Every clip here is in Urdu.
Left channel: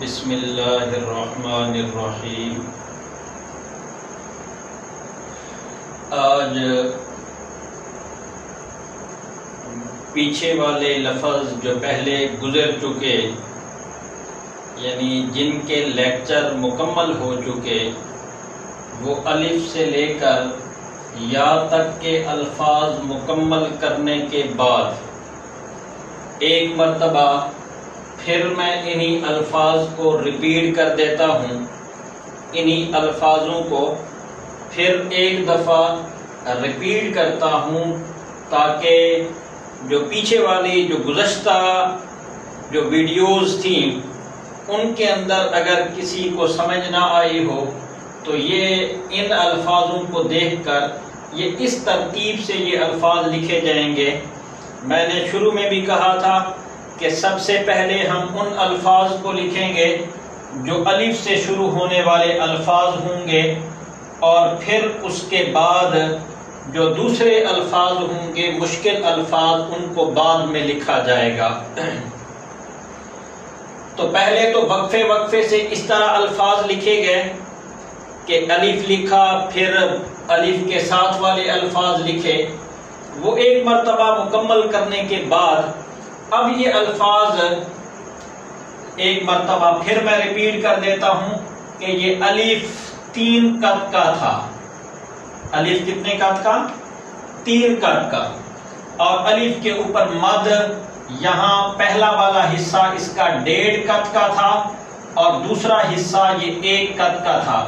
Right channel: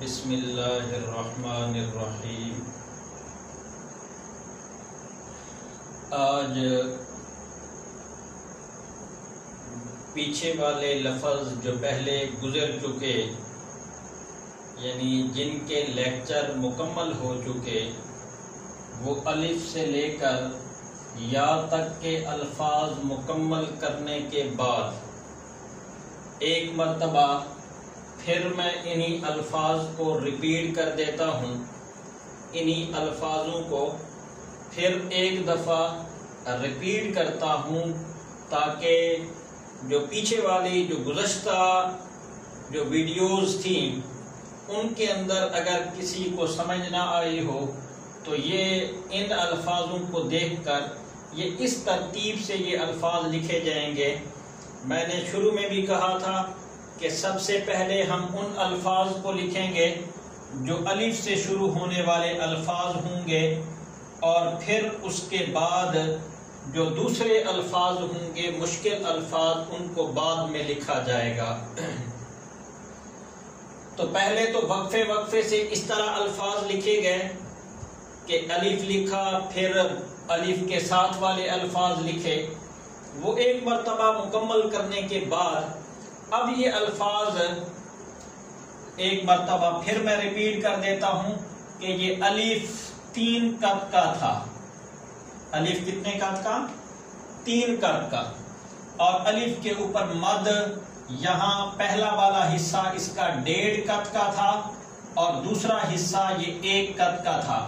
بسم اللہ الرحمن الرحیم۔ آج پیچھے والے لفظ جو پہلے گزر چکے، یعنی جن کے لیکچر مکمل ہو چکے، وہ الف سے لے کر یا تک کے الفاظ مکمل کرنے کے بعد ایک مرتبہ پھر میں انہی الفاظ کو ریپیٹ کر دیتا ہوں، انہی الفاظوں کو پھر ایک دفعہ ریپیٹ کرتا ہوں تاکہ جو پیچھے والی جو گزشتہ جو ویڈیوز تھیں ان کے اندر اگر کسی کو سمجھ نہ آئی ہو تو یہ ان الفاظوں کو دیکھ کر یہ اس ترتیب سے یہ الفاظ لکھے جائیں گے۔ میں نے شروع میں بھی کہا تھا کہ سب سے پہلے ہم ان الفاظ کو لکھیں گے جو الف سے شروع ہونے والے الفاظ ہوں گے، اور پھر اس کے بعد جو دوسرے الفاظ ہوں گے مشکل الفاظ ان کو بعد میں لکھا جائے گا۔ تو پہلے تو وقفے وقفے سے اس طرح الفاظ لکھے گئے کہ الف لکھا، پھر الف کے ساتھ والے الفاظ لکھے، وہ ایک مرتبہ مکمل کرنے کے بعد اب یہ الفاظ ایک مرتبہ پھر میں ریپیٹ کر دیتا ہوں کہ یہ الف 3 قط کا تھا۔ الف کتنے قط کا؟ 3 قط کا، اور الف کے اوپر مد یہاں پہلا والا حصہ اس کا 1.5 قط کا تھا اور دوسرا حصہ یہ 1 قط کا تھا۔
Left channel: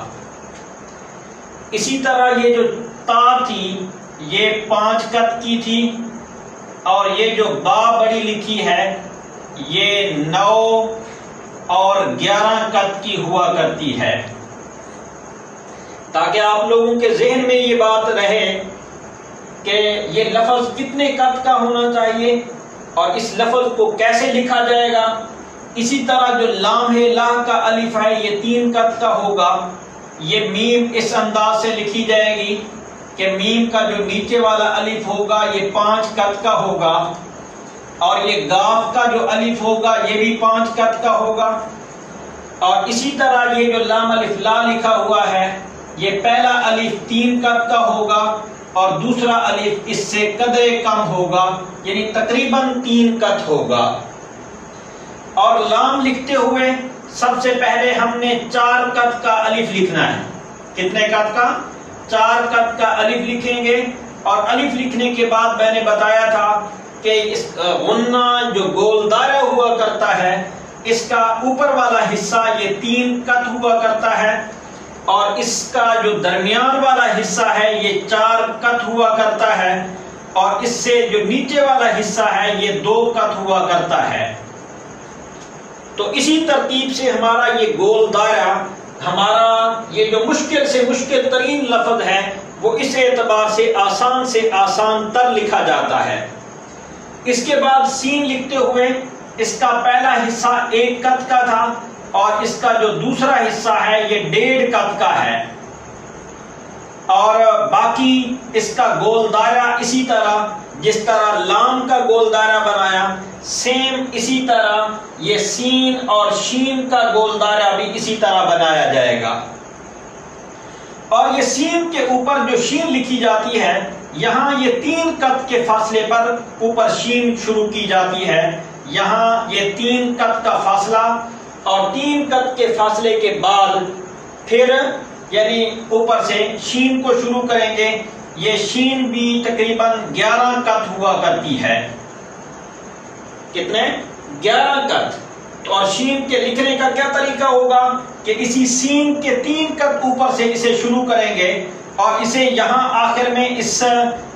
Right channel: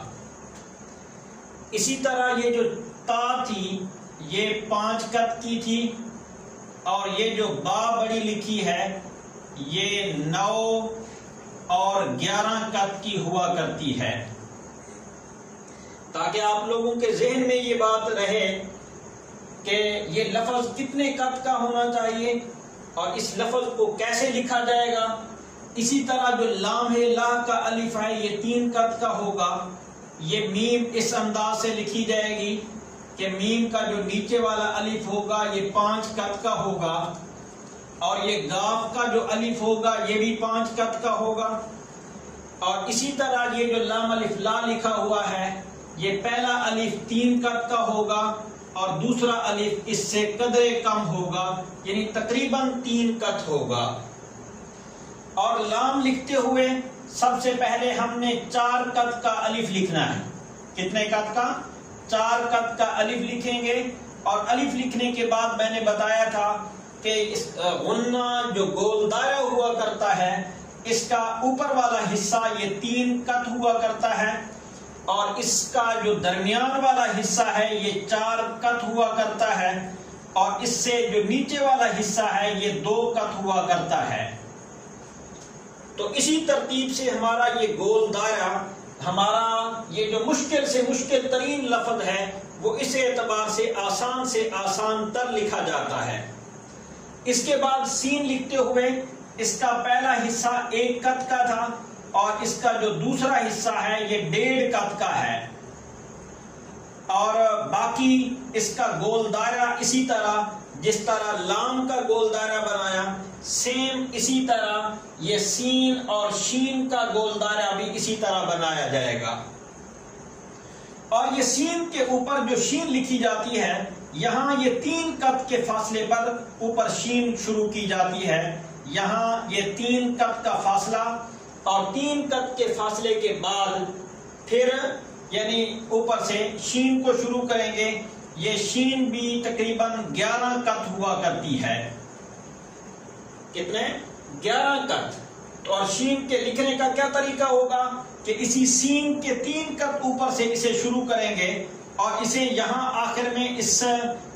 اسی طرح یہ جو تا تھی یہ 5 قط کی تھی، اور یہ جو با بڑی لکھی ہے یہ 9 اور 11 قط کی ہوا کرتی ہے، تاکہ آپ لوگوں کے ذہن میں یہ بات رہے کہ یہ لفظ کتنے قط کا ہونا چاہیے اور اس لفظ کو کیسے لکھا جائے گا۔ اسی طرح جو لام ہے، لا کا الف ہے، یہ 3 قط کا ہوگا۔ یہ میم اس انداز سے لکھی جائے گی کہ میم کا جو نیچے والا الف ہوگا یہ 5 قط کا ہوگا، اور یہ گاف کا جو الف ہوگا یہ بھی 5 قط کا ہوگا، اور اسی طرح یہ جو لام الف لا لکھا ہوا ہے یہ پہلا الف 3 قط کا ہوگا اور دوسرا الف اس سے قدرے کم ہوگا، یعنی تقریباً 3 قط ہوگا۔ اور لام لکھتے ہوئے سب سے پہلے ہم نے 4 قط کا الف لکھنا ہے۔ کتنے قط کا؟ 4 قط کا الف لکھیں گے، اور الف لکھنے کے بعد میں نے بتایا تھا کہ اس غنہ جو گول دائرہ ہوا کرتا ہے اس کا اوپر والا حصہ یہ 3 قط ہوا کرتا ہے، اور اس کا جو درمیان والا حصہ ہے یہ 4 قط ہوا کرتا ہے، اور اس سے جو نیچے والا حصہ ہے یہ 2 قط ہوا کرتا ہے۔ تو اسی ترتیب سے ہمارا یہ گول دائرہ، ہمارا یہ جو مشکل سے مشکل ترین لفظ ہے وہ اس اعتبار سے آسان تر لکھا جاتا ہے۔ اس کے بعد سین لکھتے ہوئے اس کا پہلا حصہ 1 قط کا تھا، اور اس کا جو دوسرا حصہ ہے یہ 1.5 قط کا ہے، اور باقی اس کا گول دائرہ اسی طرح جس طرح لام کا گول دائرہ بنایا، سیم اسی طرح یہ سین اور شین کا گول دائرہ بھی اسی طرح بنایا جائے گا۔ اور یہ سین کے اوپر جو شین لکھی جاتی ہے یہاں یہ 3 قط کے فاصلے پر اوپر شین شروع کی جاتی ہے، یہاں یہ 3 قط کا فاصلہ، اور 3 قط کے فاصلے کے بعد پھر یعنی اوپر سے شین کو شروع کریں گے۔ یہ شین بھی تقریباً 11 قط ہوا کرتی ہے۔ کتنے؟ 11 قط۔ اور شین کے لکھنے کا کیا طریقہ ہوگا کہ اسی سین کے 3 قط اوپر سے اسے شروع کریں گے، اور اسے یہاں آخر میں اس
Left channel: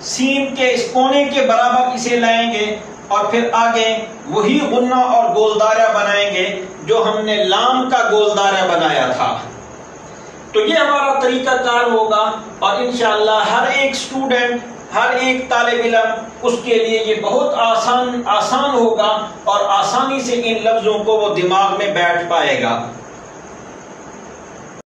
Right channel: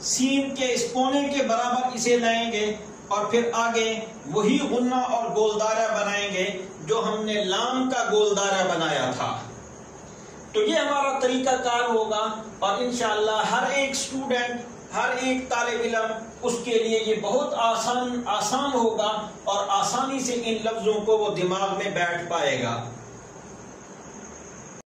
سین کے اس کونے کے برابر اسے لائیں گے، اور پھر آگے وہی غنہ اور گول دائرہ بنائیں گے جو ہم نے لام کا گول دائرہ بنایا تھا۔ تو یہ ہمارا طریقہ کار ہوگا، اور انشاءاللہ ہر ایک سٹوڈنٹ، ہر ایک طالب علم اس کے لیے یہ بہت آسان ہوگا، اور آسانی سے ان لفظوں کو وہ دماغ میں بیٹھ پائے گا۔